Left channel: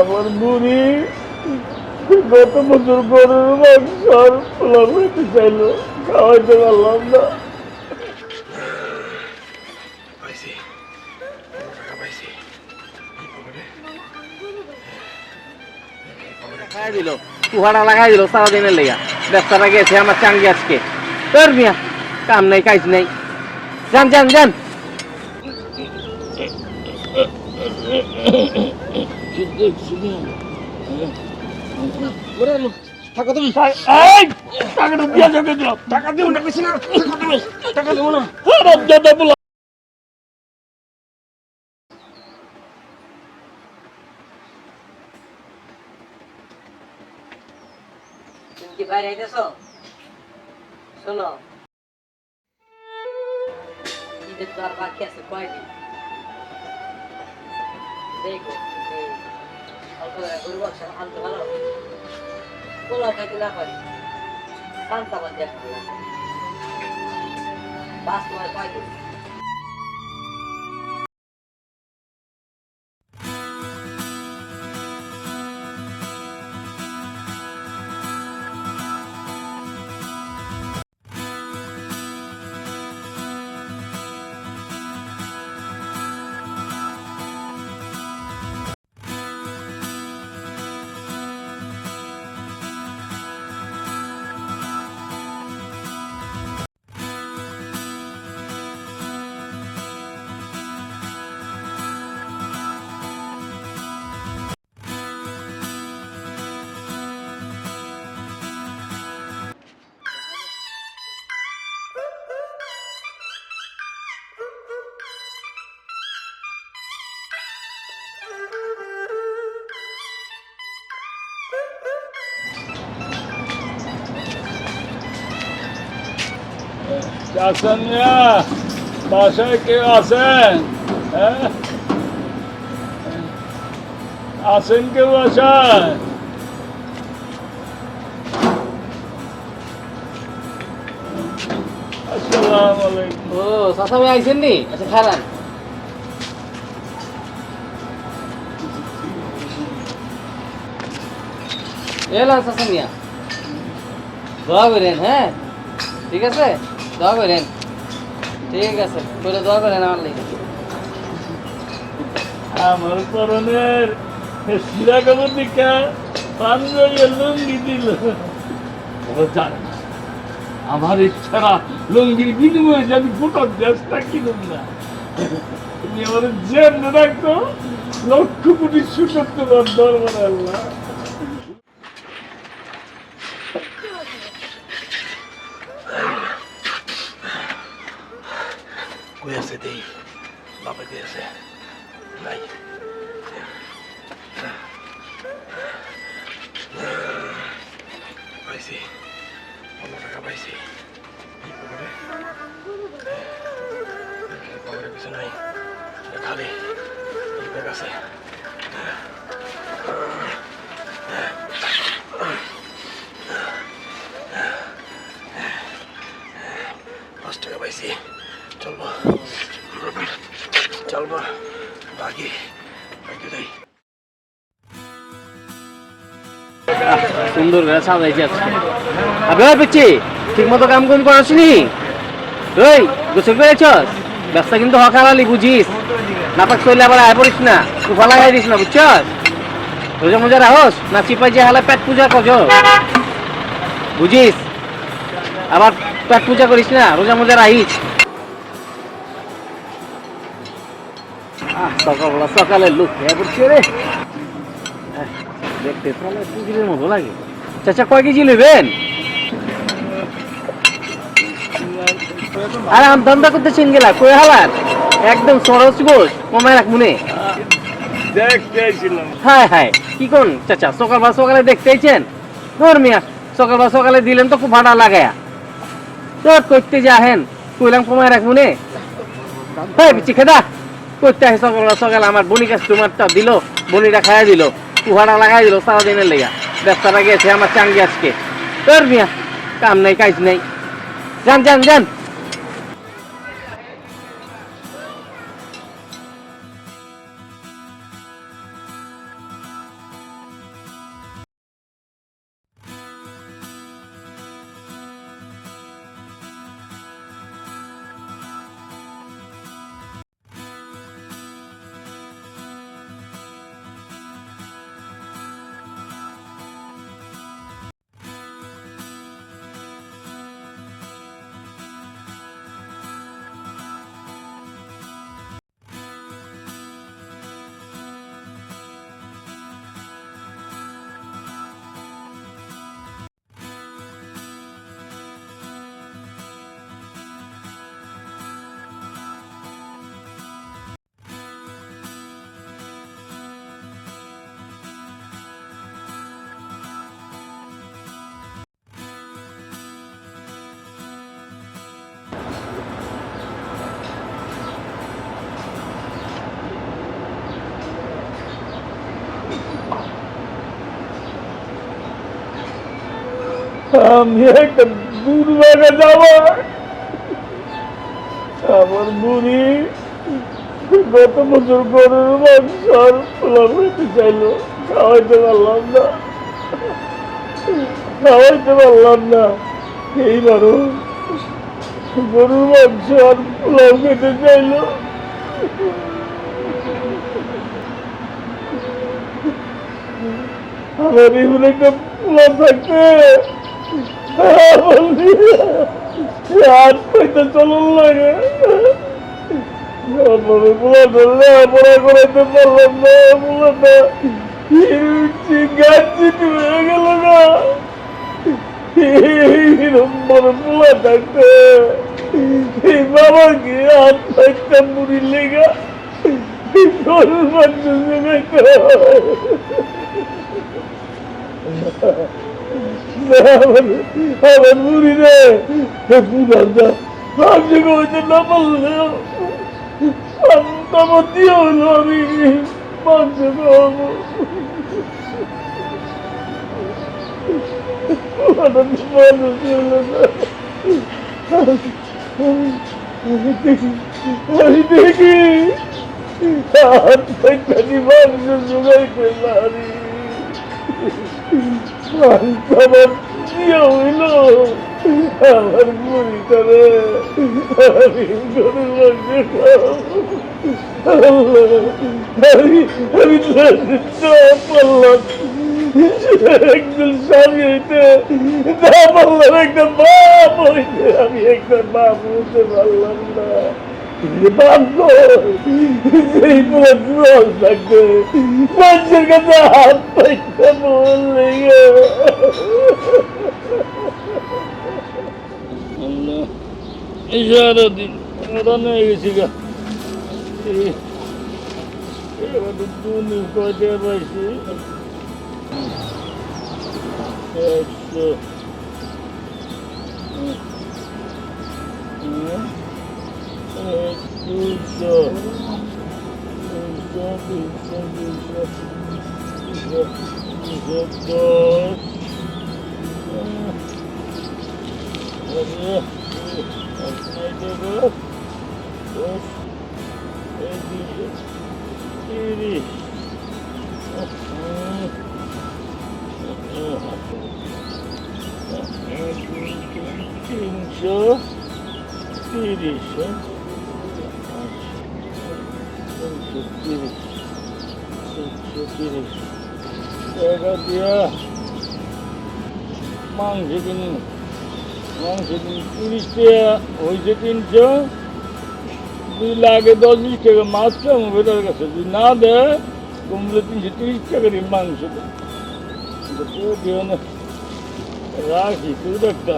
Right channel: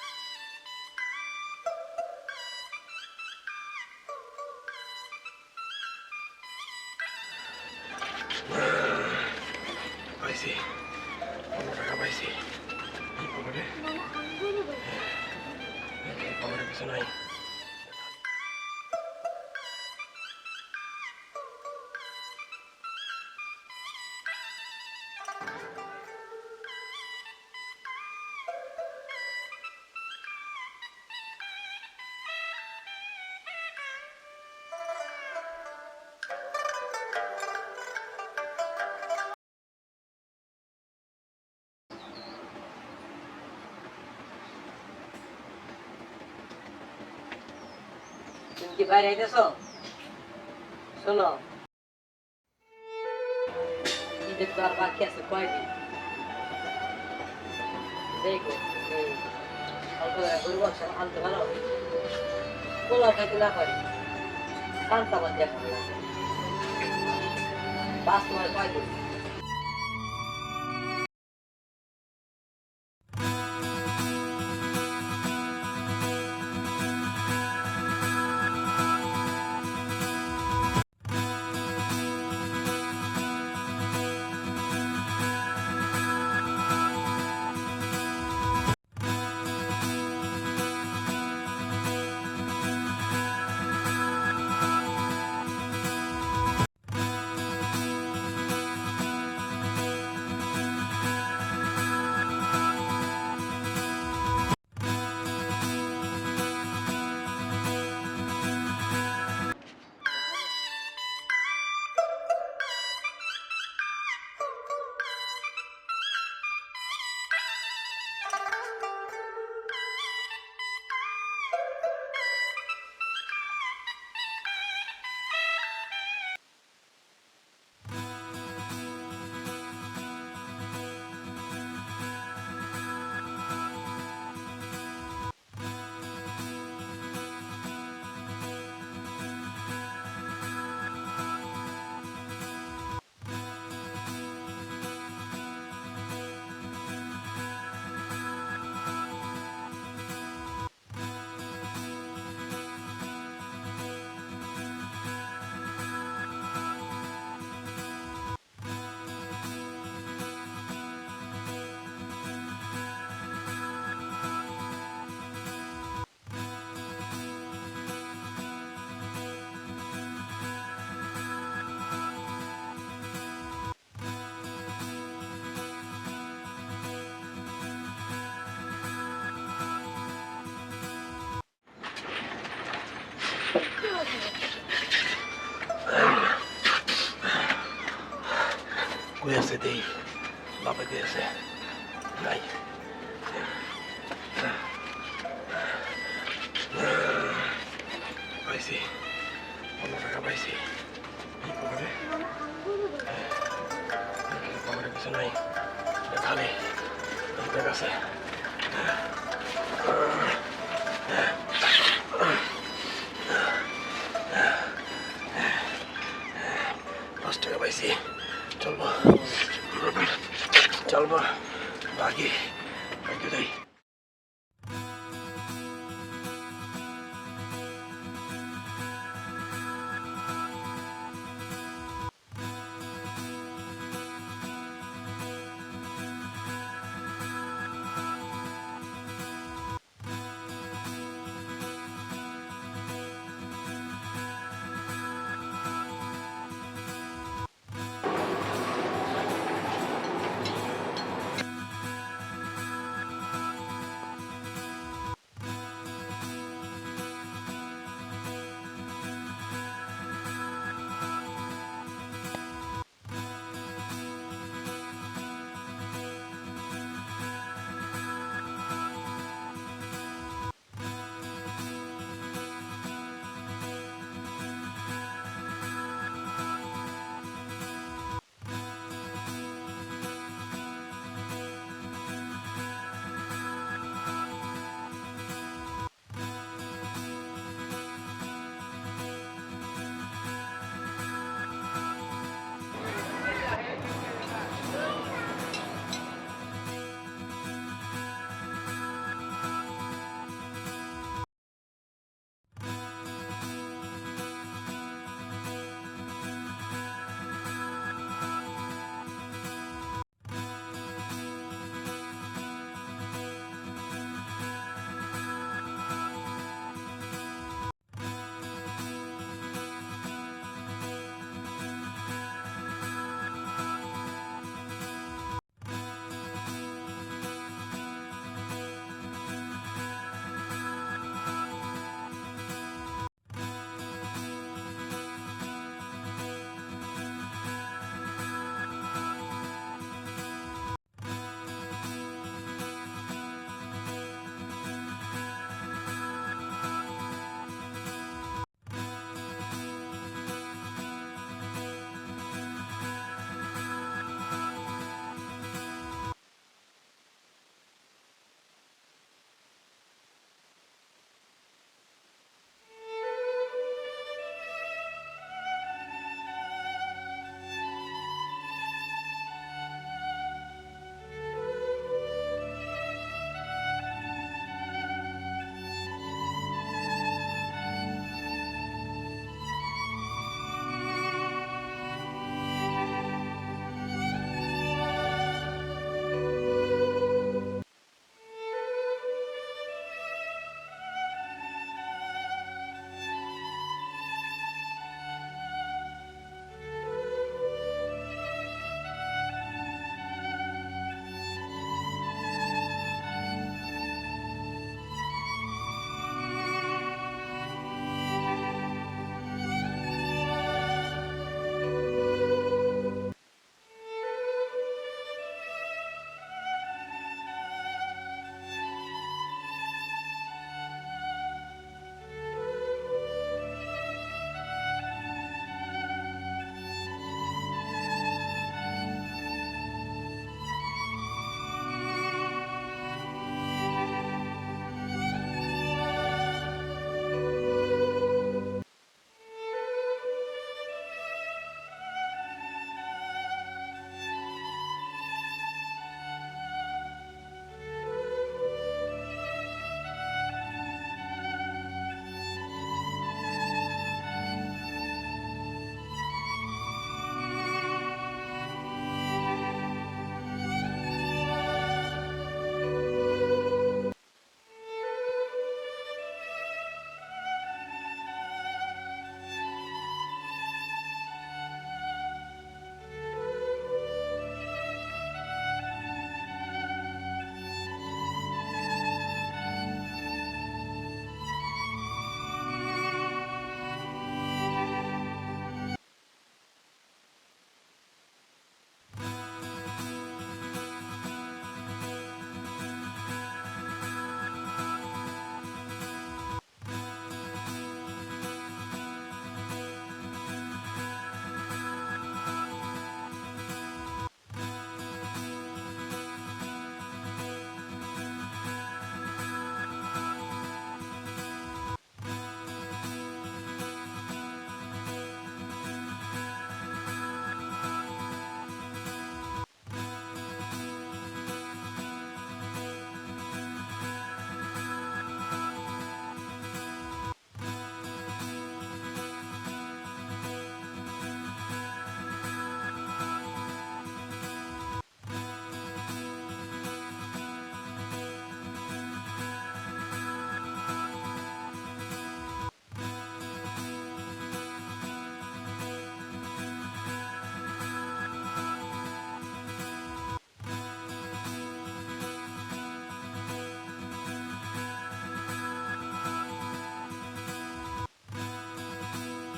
আমার বুড়ি গত বছর গরুর মাংস আর পোলাও খেতে চাইলো, খাওয়াইতে পারলাম না। পাইছি, 15 টাকা পাইছি। কুহাটা লাগাই দিল সারাদিনের লেগা, ব্যবসাটা গেছে আমার চাঙ্গি আজকে। তোর মিয়া কাম নাই কাজ নাই, যান যান যান। টাকা তুমি টাকাটা দিয়ে যাবে, টাকা দেবো না, টাকা দেবো না। তুমি কি বাইরে আইতেছো? শোনো, ঈদের তো আর বাকি আছে কয়দিন। দেখো এই অল্প করে গরু মাংস আনতে পারো, পোলাও খাইতে না পারি, পান্তা ভাত দিয়ে খাবো। বাস তোমার কয়দিন? চাচা মিয়া, বাসায় কেউ আছেন? হ্যাঁ, আছেন কেউ বাসায়? আসসালামু আলাইকুম। ও চাচা ভাই আইছেন নি? আচ্ছা খারান এলাম চাচা মিয়া, দোয়া করেন। হ্যাঁ ঠিক আছে, দোয়া করেন। ঠিক আছে, করে দোয়া করেন আমার লেগে। আমার পরনের সিরা কাপড় দিকা পাঞ্জাবি লুঙ্গি দিল। আমার ইচ্ছারা লুঙ্গির বিনিময়ে যদি ফুটক গ্যাসটা কিনুন না, তুমি আমার জেনে রাখতো, লক্ষ কোটি শুকর তোমার দরবারে আল্লাহ। কই আছে দেই, বাবা কই আছে? নাই, পাইছি, 15 টাকা পাইছি। পকেটে কিছু নাই, খালি ব্যাগ আছে। 5 টাকা পাইছি, চলবো চলবো, বাকি বাকি দেই। সুন্দর করে সাজাইছি আজকে। আবে পিচ্ছি ঠিক মতো কাম কোন করছিনি? ওই গোসল করেছস? ব্যবসা কিন্তু হকালালি বুঝিস, নাপাক চলে আবার আয় পড়িস না, উফা লাগাই দিস না, বুঝছস? রোজা মোজা রাহস না চিপাই যে হালা পেট পূজা করছ, বুঝিস? আবার পেট পূজা করিস না, রোজা মোজা রাহিস। সকালবেলা সকালে লুক খেয়ে পড়ছে রে, দেখতে তাহলে পুকুরের মতো লাগে। চাচা কয় কেজি নেবেন? আরে আম ধান্দা করতেছেন গেলা কই হালার একদম সরস গোস কমায় রাখ মনে। দেখতে আইছিলাম। হ্যাঁ হ্যাঁ কি কোন চাচা সকালবেলা সকালে দেখতে আইছেন? ধর মিয়া সকালবেলা সকালে দিলেন তো খুব ভাড়া লাগায়া তোর করতে যে আহেন কইলাম কমায় রাখ মনে। হ্যাঁ পিছি খেদা করতে আসে সকালবেলা সকালে আমার বনি কাস্টমারটা দিল, বনিটা খাইয়া দিল, কুহাটা লাগাই দিল সারাদিনের লেগা, ব্যবসাটা গেছে আমার চাঙ্গি আজকে। তোর মিয়া কাম নাই কাজ নাই, যান যান যান। আমি একটা দুর্ভাগা যাওয়া আমার বুড়ি গত বছর গরুর মাংস আর পোলাও খেতে চাইলো, খাওয়াইতে পারলাম না, খাওয়াইতে পারলাম না। এইবারও গরুর মাংস আর পোলাও খেতে চাইলো। আমার এমন একটা পোলা থাকতে হাত পাইতে চলন লাগে, পোলা ধরলে পড়া করাইতে পারলাম না, পোলাটা গাছ হয়ে গেল না। এরকম বড় পোলা থাকতে এই বাবাকে হাত পাইতে মুড়ি লেগা গরুর মাংস জোগাইতে হয়। আমার বুড়ি রে পুরাটা মাংস খাওয়াইতে না পারলেও সন্তামতি হলো আমি মাংস খাওয়াবো। আমি দেখি হাত পাইতানি মাংস জোগাইতে পারি, আমার বিয়ে হইল আমার বুড়িটারে আমি গরুর মাংস খাওয়াবো। আমি পারলাম একজন স্বামী হইতে না পারলাম, একটা বাপ হইতে আমি একটা বাপ হইতে পারলাম না। সেই পুরো জল থাকবে মানুষের কাছে হাত পাইতে বললে সারাদিন রান্না হয়ে গেছি গা। দুনি কয়টা পাইছি, মাংস কিনি 30 টাকা হয়েছে 300, 2 লাখে 10 টাকা মাছ আমার বেটার কাছে যদি না দেয় কমলে 330 টাকারই মাংস দিও না, রাখি খুব একটা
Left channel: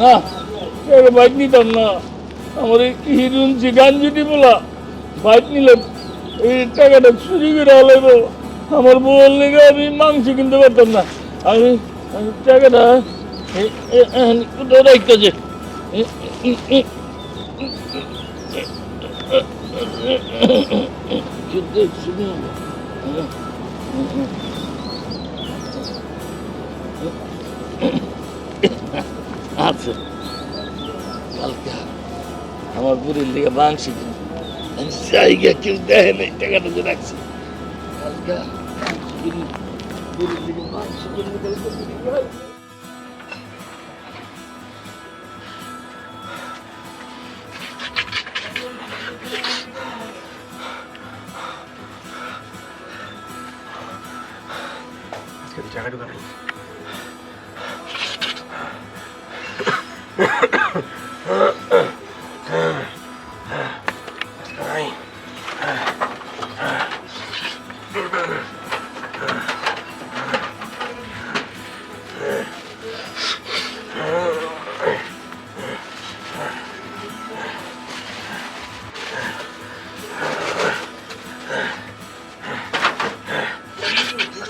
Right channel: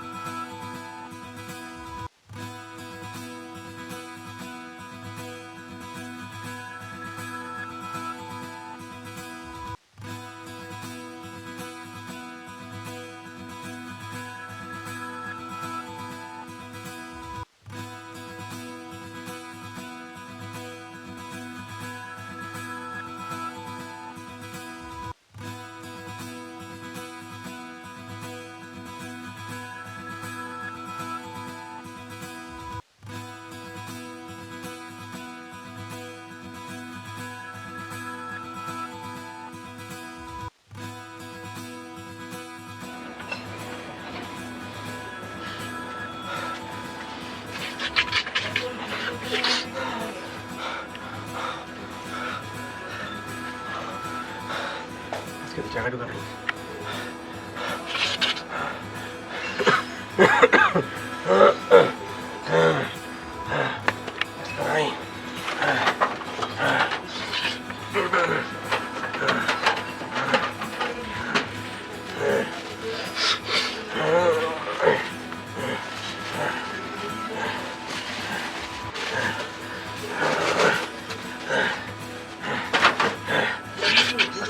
না বাইক নিতাম না। আমার হিরুন গান যদি বলা বাইক নিলে এই টাকাটা চুরি করে হলো, আমার বউর লেগে আমি মাংস কিনতে পারতাম না। আমি টাকাটা কোথাও রাখতেছে, আচ্ছা কালকে আমার বুড়ির লেগে মাংস জায়গা কেউ দেখে নাই, টাকাটা যে রাখছি কালকে বুড়ির লেগে মাংস কিনতে। জায়গা ঢুকা নাই,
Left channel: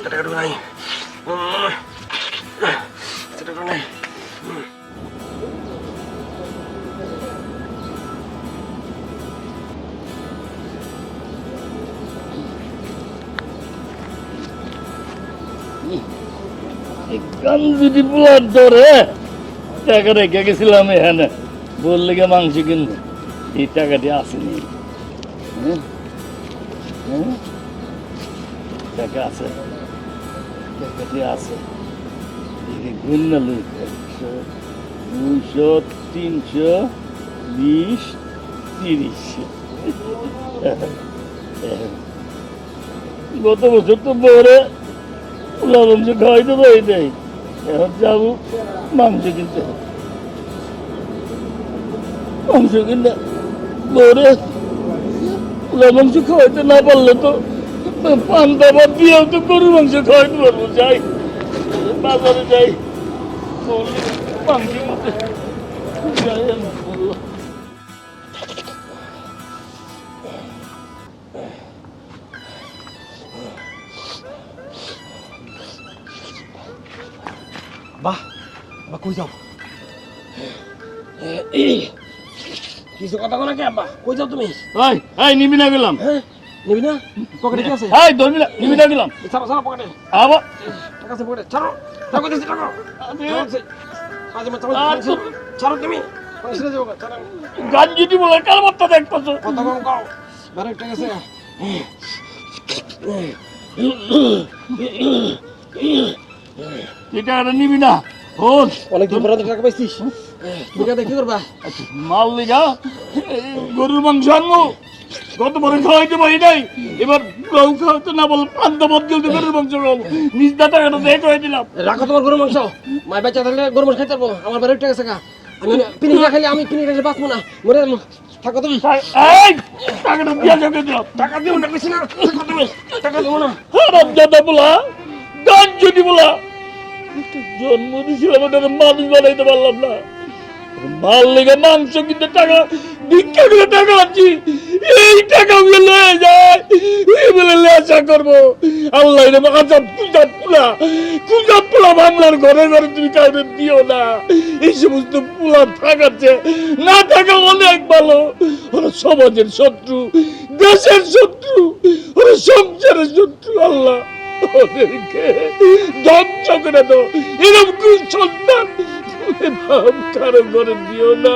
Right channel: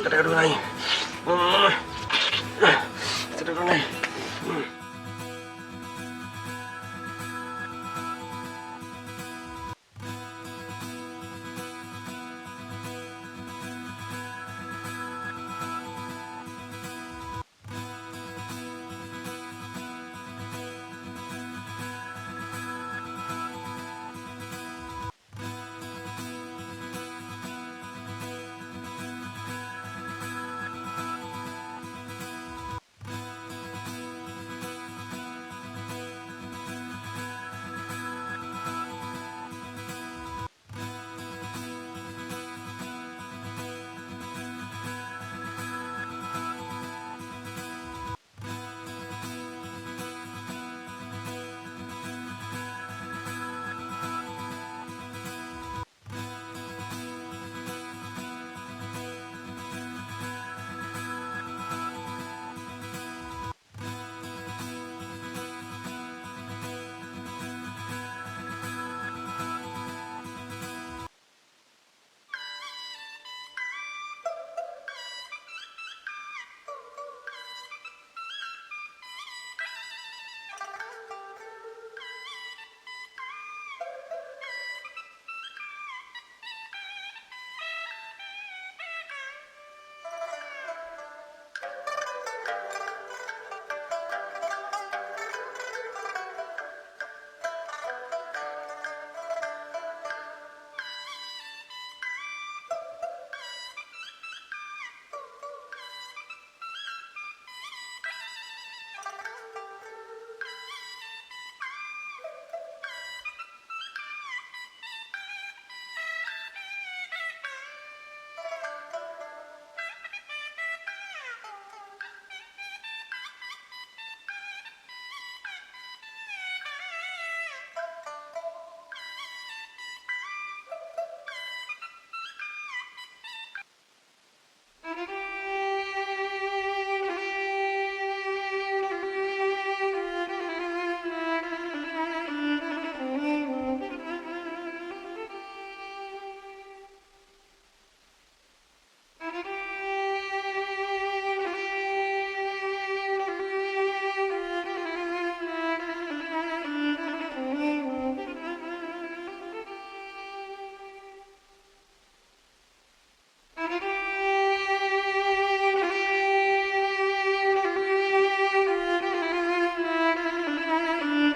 টাকা গান যদি পোলার ধরে টাকা রেখে গেছিলাম এখানে বললে গিয়ে মাংস কিনবো এই টাকাটি আসেনি হ্যাঁ? হ্যাঁ? টাকা আছে টাকাটি আছে গুণ লই 200 300 20 30 গত বছর তো বড় পোলা মাংস খাওয়াইতে পারি নাই এখন যাবো মাংস কিনতে মাংস কিনতে বড় পোলা মাংস খাওয়াইতে না পারলে তো পান্তা ভাত দিয়েও তো গরু মাংস খাওয়াইতে পারবো যাই বাজারে যাই মাংস কিনতে যাই আমি। বাহ বা কই যাও কিছু কথা কোনা কে আব্বা কই যাও তুমি এই এই নিবি না গেলাম হ্যাঁ নিবি না পকেটে কি আছে এই ধরবি না নিবি না গেলাম ছাড়ো ছাড়ো পকেটে আবার টাকা আছে পকেটে ছাড়ো টাকা দিছি টাকা আজ মত ছাড়ো তুমি পয়সা যাও ছাড়ো গান যদি বলে কাল মাত্রা দেখ পাচ্ছ কত কম কাও বারে টাকা আছে এই টাকাটা নিবি না শোন অনেক দিন পরে টাকা পাইছিস দুটাতে কি করবা মাল লিগা গরুর মাংস আনবো গত বড় খাওয়াইতে পারি নাই এবার গরু খাওয়াইতে না বল পান্তা ভাত গেলতে গরুর মাংস খাবো নিজ দা টাকাটা দিয়ে করে দিলাম রাখো তোমার গরু মাংস মাই বাচ্চা থাকলে গরু মাংস খাইতে পারবো আমার বাড়ির টাকা আছে আমি পিনি না খাইলে আমি পিনি খাইলে বাঁচবো না মরে যাবো থাকো তুমি এই টাকাটা দিয়ে যাবে দিলাম টাকা দিও না কইছি না থাকো তুমি টাকা দিও না হারাম দাদা বলা গান যদি বলা জন্ম দিয়েছিলাম ওটাকে মানুষ বানাইতে পারলাম না মাল লেগে মাংস কিনতে টাকা ভিক্ষা করে টাকা আনছি এই টাকা গুলো লয়ে যায় বলে লেসা করবো আল্লাহ রে আচ্ছা পূজা পোলা বাংলার ঘরে ঘরে তুমি কাউকে দিও না এই সমস্ত পোলা থাকাচ্ছে না থাকা অনেক ভালো ওরা সমাজের শত্রু দেশের শত্রু ওরা সংসারের শত্রু আল্লাহ ওদেরকে ধ্বংস করে দাও এরকম কোন সন্তান কারো ঘরে দিও না